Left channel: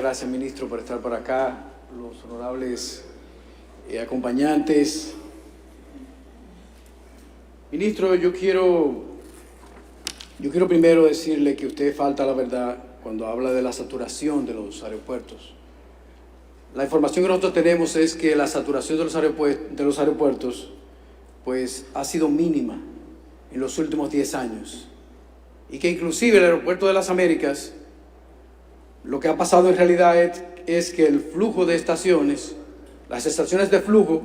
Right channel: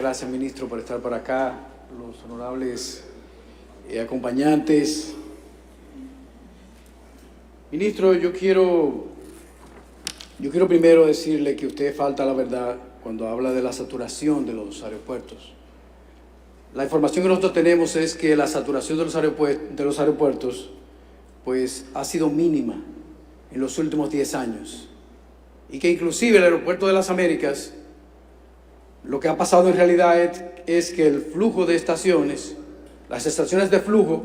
Gracias, ministro, por estar por acá, los honorables acompañantes. Ministro, yo quiero primero decirle que usted falta la verdad cuando habla de la saturación de los aeropuertos. La información que nosotros tenemos es que la saturación de los aeropuertos pues, ha sido mínima en los últimos 10 años y que inclusive el aeropuerto de las Américas, lo que ha pasado en realidad es que el flujo de estaciones, las estaciones de flujo,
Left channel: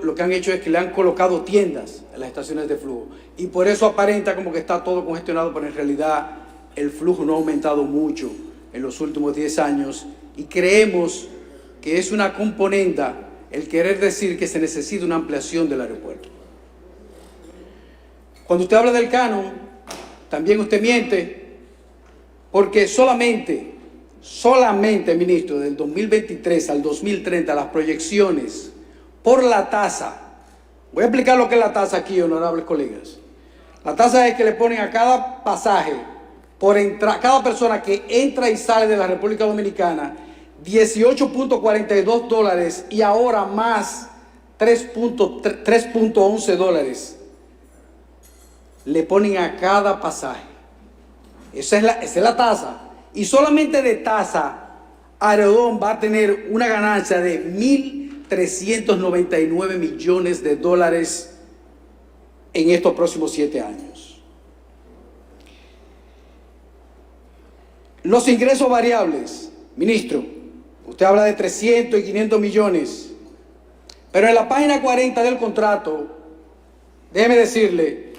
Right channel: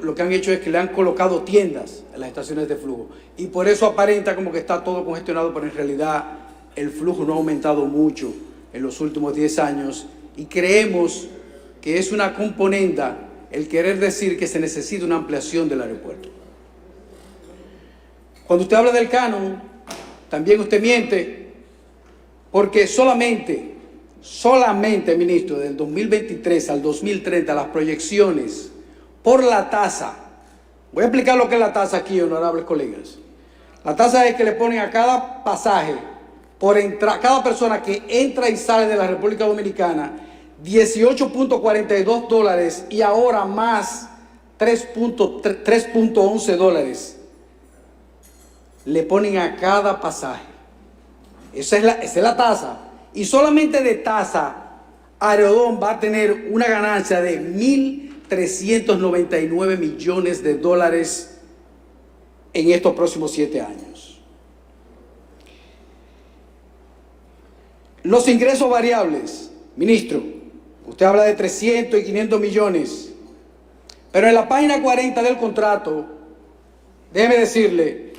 lo que han hecho es que le han colocado tiendas en las estaciones de flujo. Y por eso aparenta como que está todo congestionado, pero en realidad el flujo no ha aumentado mucho en los últimos 10 años. Y creemos que es una componenda el querer decir que se necesita una ampliación del aeropuerto. Cuando usted habla del canon, también usted miente, porque solamente, ministro, del 2023 al 2030, las proyecciones por la tasa, voy a explicar lo que es la tasa aquí, honorables colegas. La tasa es que le ponen a cada pasaje, cada persona que entra y sale de la República Dominicana, $18.42 y ahora más $3.11 le ponen a cada pasaje. Esa es la tasa. Y solamente de tasa, Aerodón va a tener una ganancia de $1.399 millones en estos próximos 7 años. Los ingresos variables, ministro, usted habla de 300 y 500 millones, pero en la página 40 del contrato, déjeme decirle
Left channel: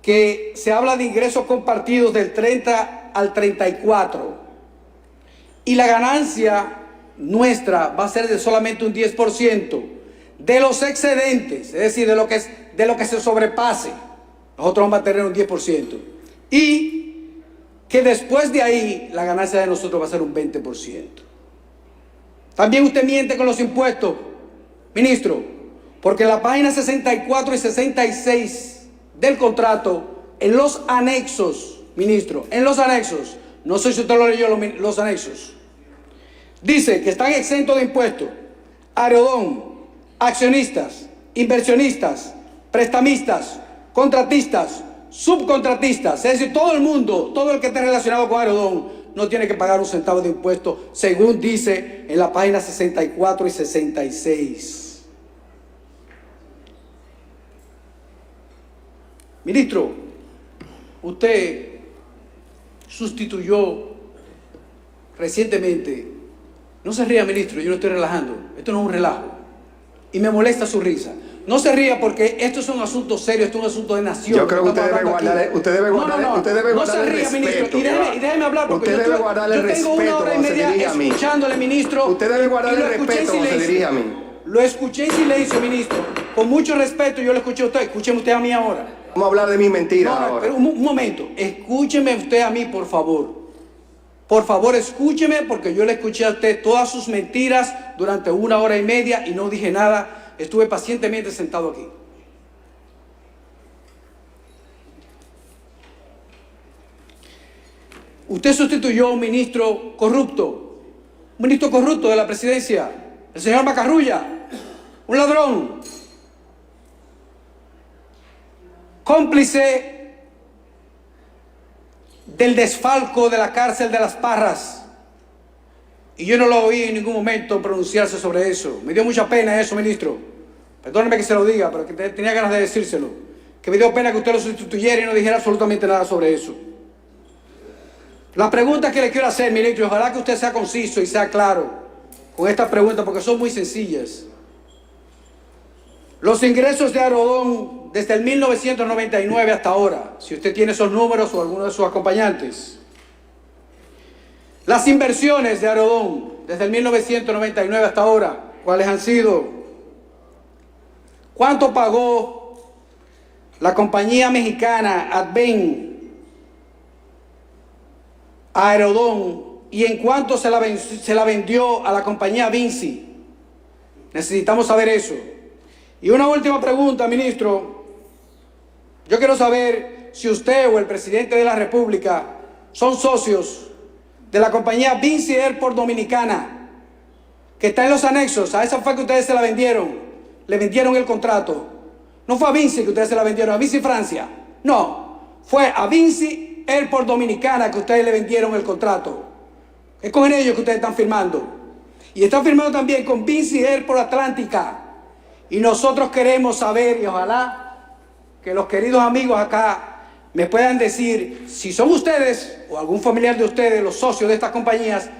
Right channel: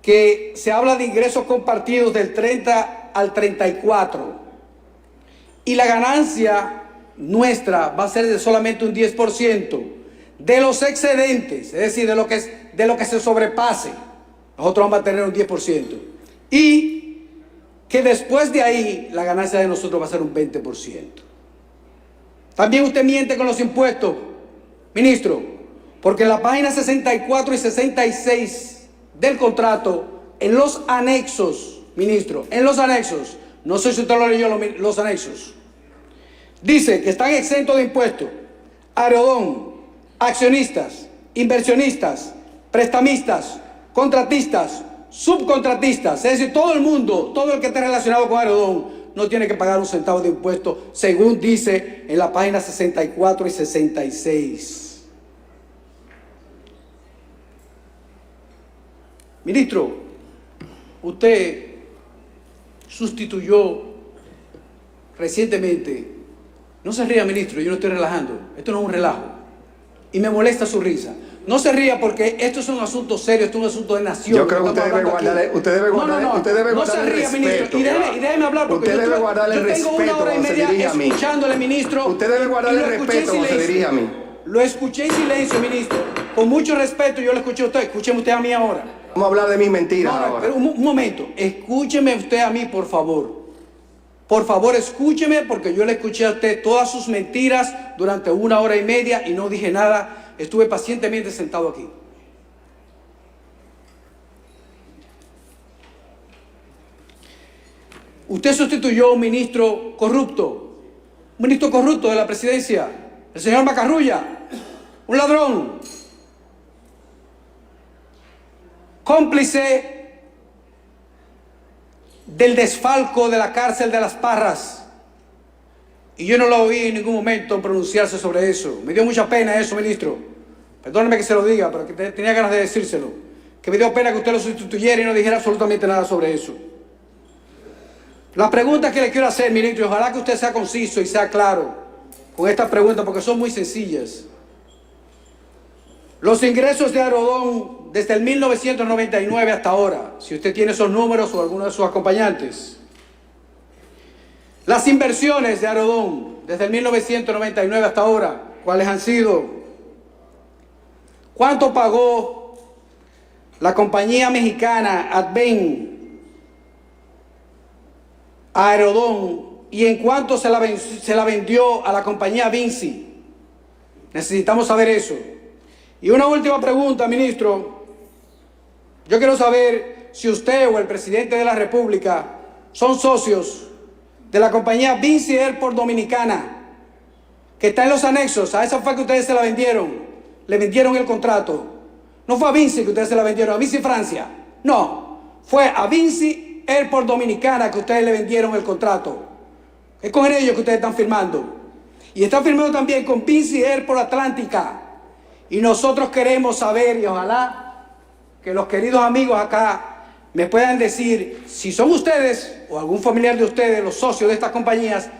que se habla de ingresos compartidos del 30 al 34 y la ganancia nuestra va a ser de solamente un 10% de los excedentes, es decir, de lo que se sobrepase. Nosotros vamos a tener un 10% y que después de ahí la ganancia de nosotros va a ser un 20%. También usted miente con los impuestos, ministro, porque en la página 64 y 66 del contrato, en los anexos, ministro, en los anexos, no sé si usted lo leyó, los anexos, dice que están exentos de impuestos Aerodón, accionistas, inversionistas, prestamistas, contratistas, subcontratistas, es decir, todo el mundo, todo el que esté relacionado con Aerodón no tiene que pagar un centavo de impuesto, según dice en la página 64 y 66. Ministro, usted sustituyó recientemente, no se ría, ministro, yo no estoy relajando, esto no es un relajo, y me molesta su risa. No se ría porque esto es un asunto serio, esto es un asunto de nación. Yo creo que usted debe guardar el respeto. Y déjeme hablar porque usted debe guardar el respeto cuando se dirige a mí. Escuchándole, ministro. Usted debe guardar el respeto cuando se dirige a mí. Lo escuché en silencio, ministro. Con mucho respeto yo lo escuché a usted. Escúcheme usted a mí ahora. Vamos a hablar de mis mentiras ahora. Pero un momento. Escúcheme usted a mí, por favor. Por favor, escúcheme porque yo le escuché a usted todas sus mentiras durante 1 hora y media y no dije nada. Estuve pacientemente sentado aquí. Usted sustituyó a un ministro corrupto de la presidencia, el señor Macarrulla, un ladrón, cómplice del desfalco de la cárcel de Las Parras. Y yo no lo oí en ningún momento pronunciarse sobre eso. Me dio mucha pena eso, ministro. Perdóneme que se lo diga, pero que tenía ganas de decírselo. Que me dio pena que usted lo sustituyera y no dijera absolutamente nada sobre eso. Las preguntas que le quiero hacer, ministro, y ojalá que usted sea conciso y sea claro con estas preguntas, porque son muy sencillas. Los ingresos de Aerodón desde el 1999 hasta ahora, si usted tiene esos números o alguno de sus acompañantes. Las inversiones de Aerodón desde el 1999 hasta ahora, ¿cuáles han sido? ¿Cuánto pagó la compañía mexicana Adven a Aerodón y en cuánto se la vendió a la compañía Vinci? Necesitamos saber eso. Y una última pregunta, ministro. Yo quiero saber si usted o el presidente de la República son socios de la compañía Vinci Airport Dominicana, que está en los anexos. A esa fue que ustedes se la vendieron. Le vendieron el contrato. No fue a Vinci que ustedes se la vendieron, a Vinci Francia. No, fue a Vinci Airport Dominicana que ustedes le vendieron el contrato. Es con ellos que ustedes están firmando. Y están firmando también con Vinci Airport Atlántica. Y nosotros queremos saber, y ojalá que los queridos amigos acá me puedan decir si son ustedes o algún familiar de ustedes los socios de estas compañías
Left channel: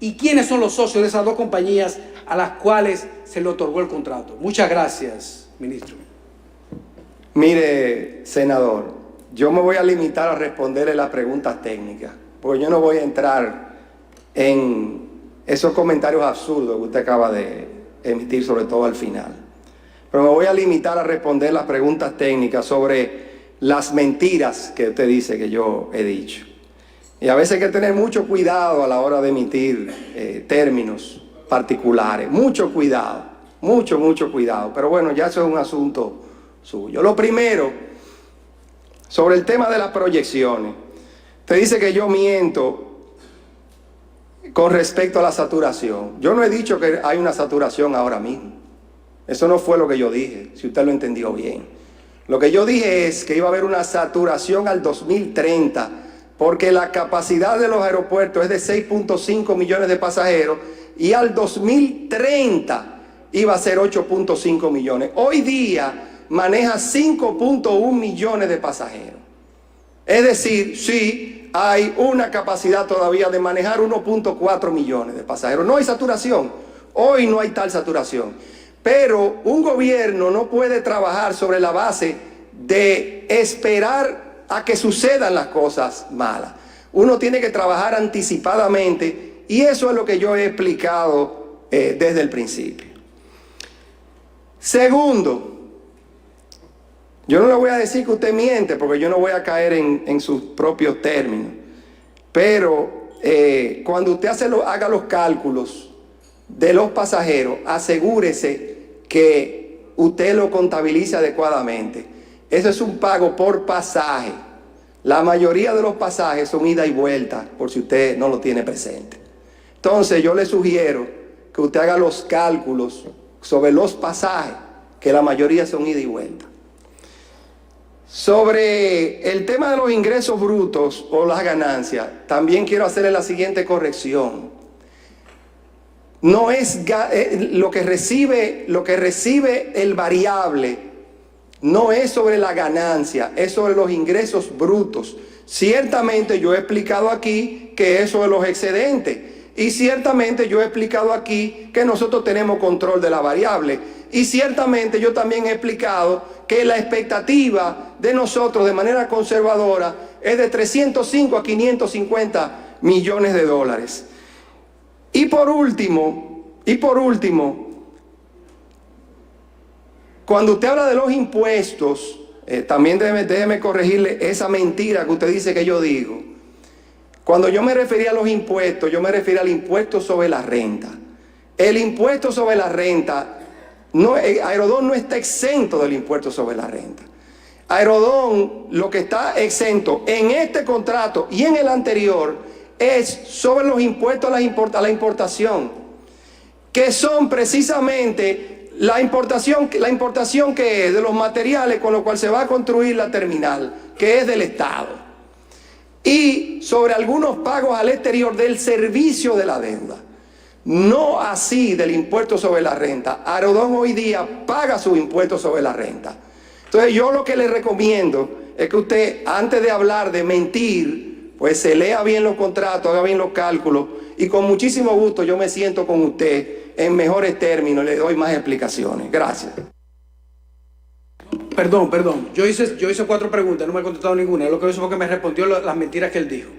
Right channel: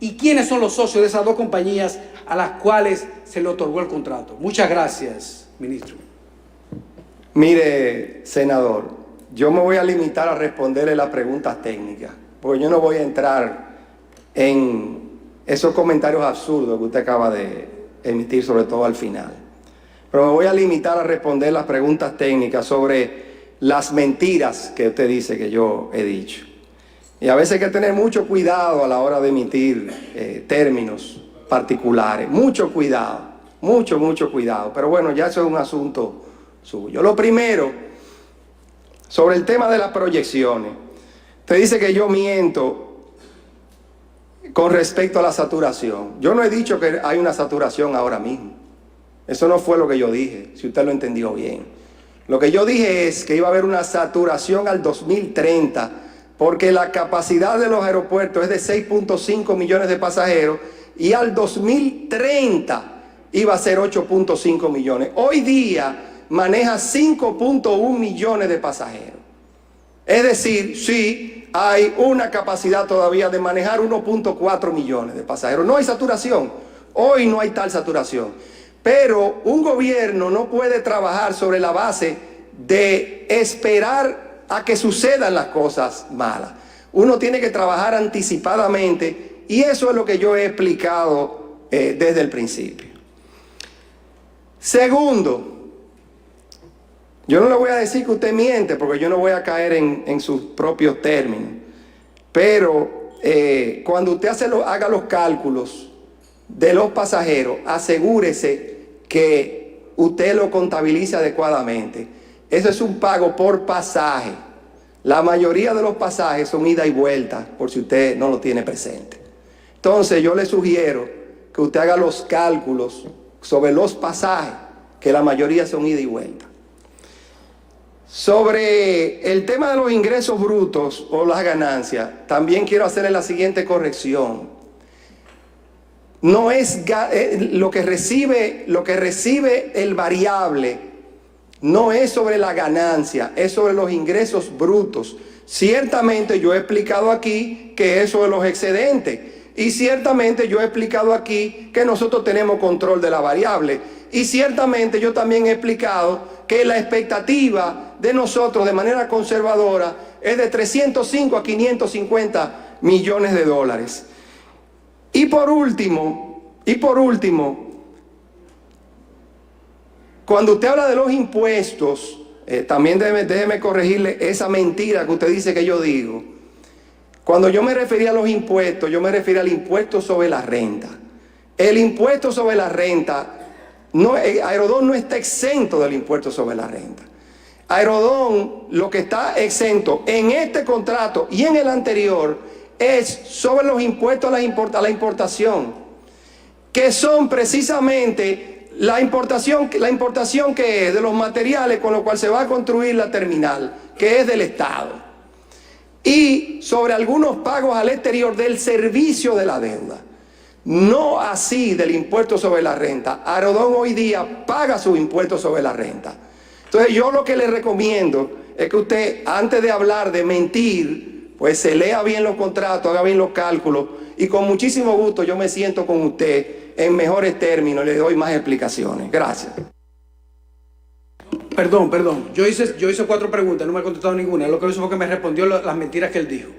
y quiénes son los socios de esas dos compañías a las cuales se le otorgó el contrato. Muchas gracias, ministro. Mire, senador, yo me voy a limitar a responderle las preguntas técnicas, porque yo no voy a entrar en esos comentarios absurdos que usted acaba de emitir, sobre todo al final. Pero me voy a limitar a responder las preguntas técnicas sobre las mentiras que usted dice que yo he dicho. Y a veces hay que tener mucho cuidado a la hora de emitir términos particulares. Mucho cuidado, mucho cuidado. Pero bueno, ya eso es un asunto suyo. Lo primero, sobre el tema de las proyecciones. Usted dice que yo miento con respecto a la saturación. Yo no he dicho que hay una saturación ahora mismo. Eso no fue lo que yo dije, si usted lo entendió bien. Lo que yo dije es que iba a haber una saturación al 2030, porque la capacidad de los aeropuertos es de 6.5 millones de pasajeros y al 2030 iba a ser 8.5 millones. Hoy día maneja 5.1 millones de pasajeros. Es decir, sí, hay una capacidad todavía de manejar 1.4 millones de pasajeros. No hay saturación. Hoy no hay tal saturación. Pero un gobierno no puede trabajar sobre la base de esperar a que sucedan las cosas malas. Uno tiene que trabajar anticipadamente y eso es lo que yo he explicado desde el principio. Segundo, yo no le voy a decir que usted miente porque yo no voy a caer en sus propios términos. Pero cuando usted haga los cálculos de los pasajeros, asegúrese que usted lo contabilice adecuadamente. Eso es un pago por pasaje. La mayoría de los pasajes son ida y vuelta, por si usted no lo tiene presente. Entonces yo le sugiero que usted haga los cálculos sobre los pasajes, que la mayoría son ida y vuelta. Sobre el tema de los ingresos brutos o las ganancias, también quiero hacerle la siguiente corrección. No es lo que recibe el variable, no es sobre la ganancia, es sobre los ingresos brutos. Ciertamente yo he explicado aquí que es sobre los excedentes y ciertamente yo he explicado aquí que nosotros tenemos control de la variable y ciertamente yo también he explicado que la expectativa de nosotros de manera conservadora es de 305 a 550 millones de dólares. Y por último, cuando usted habla de los impuestos, también déjeme corregirle esa mentira que usted dice que yo digo. Cuando yo me refería a los impuestos, yo me refería al impuesto sobre la renta. El impuesto sobre la renta, Aerodón no está exento del impuesto sobre la renta. Aerodón lo que está exento en este contrato y en el anterior es sobre los impuestos a la importación, que son precisamente la importación que es de los materiales con los cuales se va a construir la terminal, que es del Estado, y sobre algunos pagos al exterior del servicio de la deuda. No así del impuesto sobre la renta. Aerodón hoy día paga su impuesto sobre la renta. Entonces yo lo que le recomiendo es que usted, antes de hablar de mentir, pues se lea bien los contratos, haga bien los cálculos y con muchísimo gusto yo me siento con usted en mejores términos, le doy más explicaciones. Gracias. Perdón. Yo hice 4 preguntas, no me ha contestado ninguna. Lo que hizo fue que me respondió las mentiras que él dijo.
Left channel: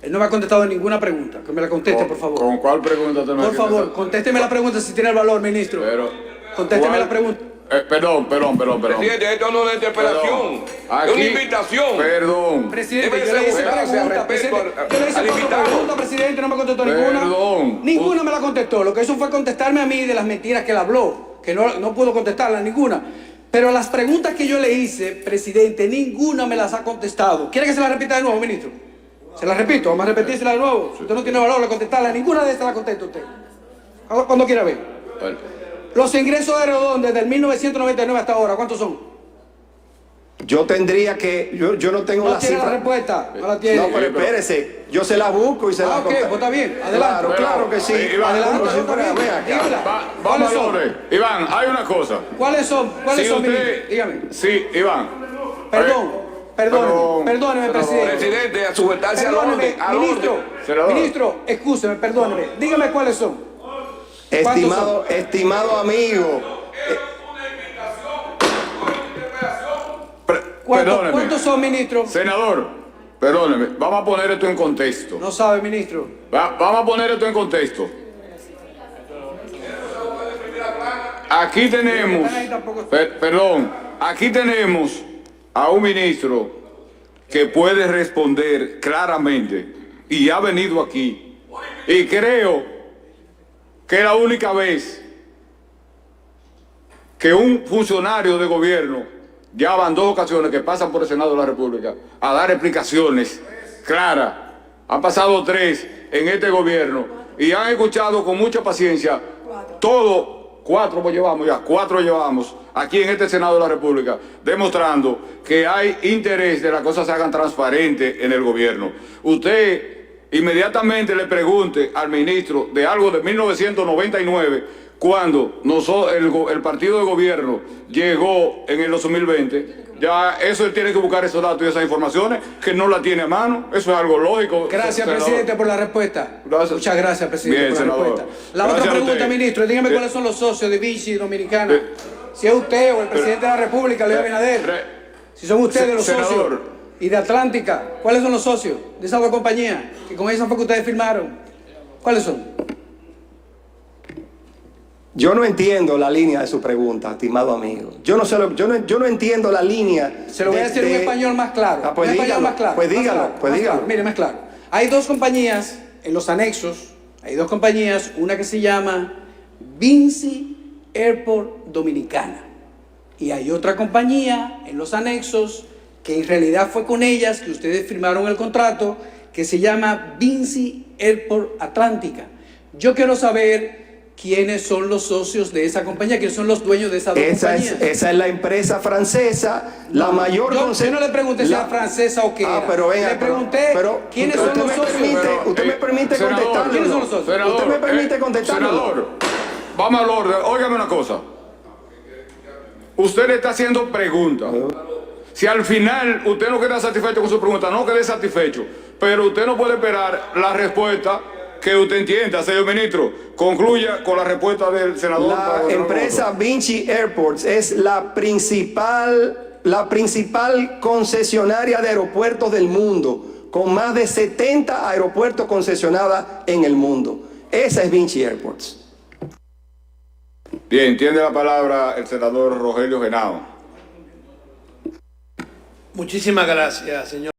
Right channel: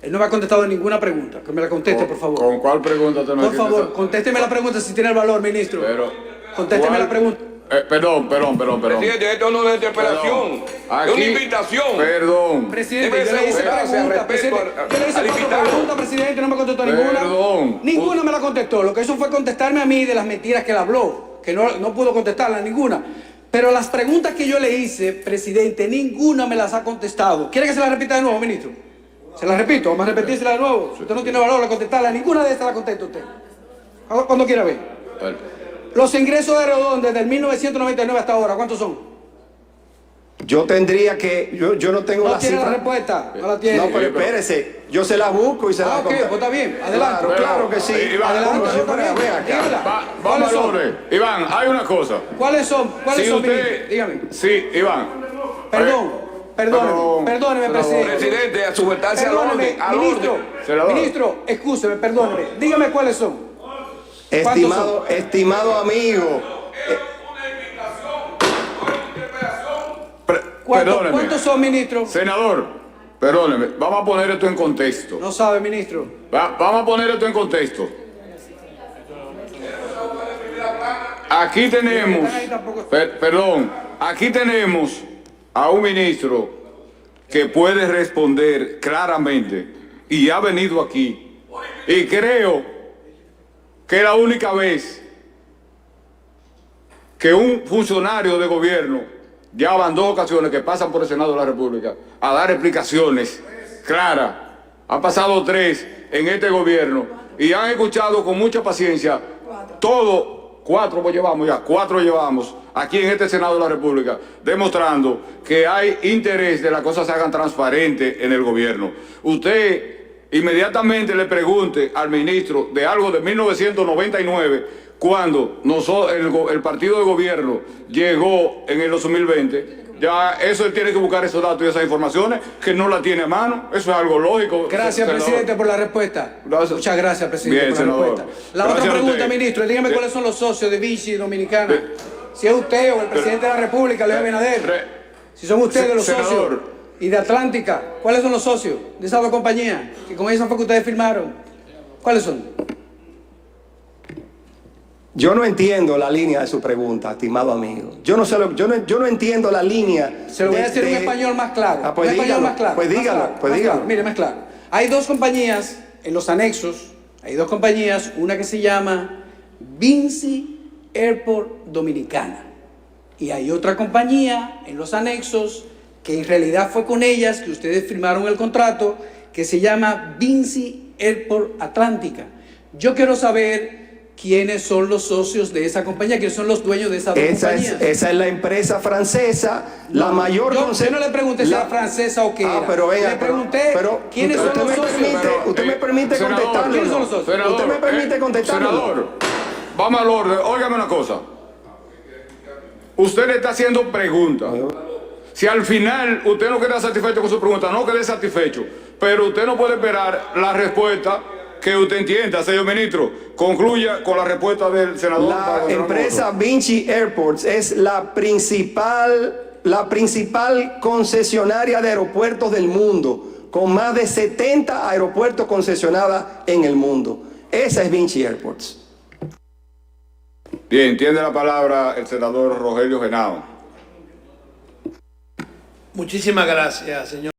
Él no me ha contestado ninguna pregunta. Que me la conteste, por favor. ¿Con cuál pregunta te me Por favor, contésteme la pregunta si tiene el valor, ministro. Contésteme la pregunta. Perdón. Presidente, esto no es una interpelación, es una invitación. Perdón. Presidente, yo le hice preguntas, presidente, no me contestó ninguna. Perdón. Ninguna me la contestó. Lo que hizo fue contestarme a mí de las mentiras que él habló, que no pudo contestarlas ninguna. Pero las preguntas que yo le hice, presidente, ninguna me las ha contestado. ¿Quiere que se las repita de nuevo, ministro? Se la repito, vamos a repetírsela de nuevo. Usted no tiene valor de contestarle a ninguna de estas, la contesta usted. Cuando quiera ver. Bueno, Los ingresos de Rodón desde el 1999 hasta ahora, ¿cuántos son? Yo tendría que, yo no tengo No la tiene la cifra. respuesta, no la tiene. No, pero espérese, yo se la busco y se la ok, contesto. pues está bien, adelante. Claro, claro que sí. Iván, Adelante, Como si está fuera, bien. ve acá. Dígamela. vamos ¿Cuáles al son? orden. Iván, hay una cosa. ¿Cuáles son? ¿Cuáles Si son, usted, ministro? Dígame. Sí, Iván. Perdóneme, presidente. Presidente, a sujetarse al Perdóneme, orden. Al ministro, orden. Senador. ministro, excúseme, perdóneme. Dígame cuáles son. Estimado amigo, Perdóneme. ¿Cuántos son, ministro? Senador, perdóneme, vamos a poner esto en contexto. No sabe, ministro. Vamos a poner esto en contexto. Aquí tenemos, perdón, aquí tenemos a un ministro que puede responder claramente y ha venido aquí. Y creo que es la única vez que un funcionario de gobierno ya van 2 ocasiones que pasan por el Senado de la República a dar explicaciones claras. Han pasado 3 en este gobierno y han escuchado con mucha paciencia todo, 4 llevamos ya, 4 llevamos aquí en este Senado de la República, demostrando que hay interés de que las cosas se hagan transparentes en el gobierno. Usted inmediatamente le pregunte al ministro de algo de 1999, cuando el partido de gobierno llegó en el 2020, ya eso él tiene que buscar esos datos y esas informaciones que no la tiene a mano. Eso es algo lógico. Gracias, senador. presidente, por la respuesta. Gracias. Muchas gracias, presidente, Bien, por la senador. respuesta. La Gracias otra a pregunta, usted. ministro, dígame cuáles son los socios de Vinci Dominicana. Si es usted o el presidente de la República, Luis Abinader. Si son ustedes los socios. Senador. Y de Atlántica, ¿cuáles son los socios de esas 2 compañías? Que con esas fue que ustedes firmaron. ¿Cuáles son? yo no entiendo la línea de su pregunta, estimado amigo. Yo no entiendo la línea. Se lo voy a decir en español más claro. Pues en español dígalo, más claro. pues más dígalo, claro, pues más dígalo. claro. Mire, más claro. Hay 2 compañías en los anexos. Hay 2 compañías. Una que se llama Vinci Airport Dominicana. Y hay otra compañía en los anexos que en realidad fue con ellas que ustedes firmaron el contrato, que se llama Vinci Airport Atlántica. Yo quiero saber quiénes son los socios de esa compañía, quiénes son los dueños de esas 2 compañías. Esa es la empresa francesa, la mayor... Yo no le pregunté si era francesa o qué era. Pero venga, le pregunté quiénes son los socios. Usted me permite senador, contestarle. ¿Quiénes son los socios? Senador, ¿Usted me permite contestarle? Senador, vamos al orden. Óigame una cosa. Usted le está haciendo preguntas. Si al final usted no queda satisfecho con su pregunta, no quede satisfecho. Pero usted no puede esperar la respuesta que usted entienda, señor ministro. Concluya con la respuesta del senador. La empresa Vinci Airports es la principal concesionaria de aeropuertos del mundo, con más de 70 aeropuertos concesionados en el mundo. Esa es Vinci Airports. Bien, tiene la palabra el senador Rogelio Genao. Muchísimas gracias, señor.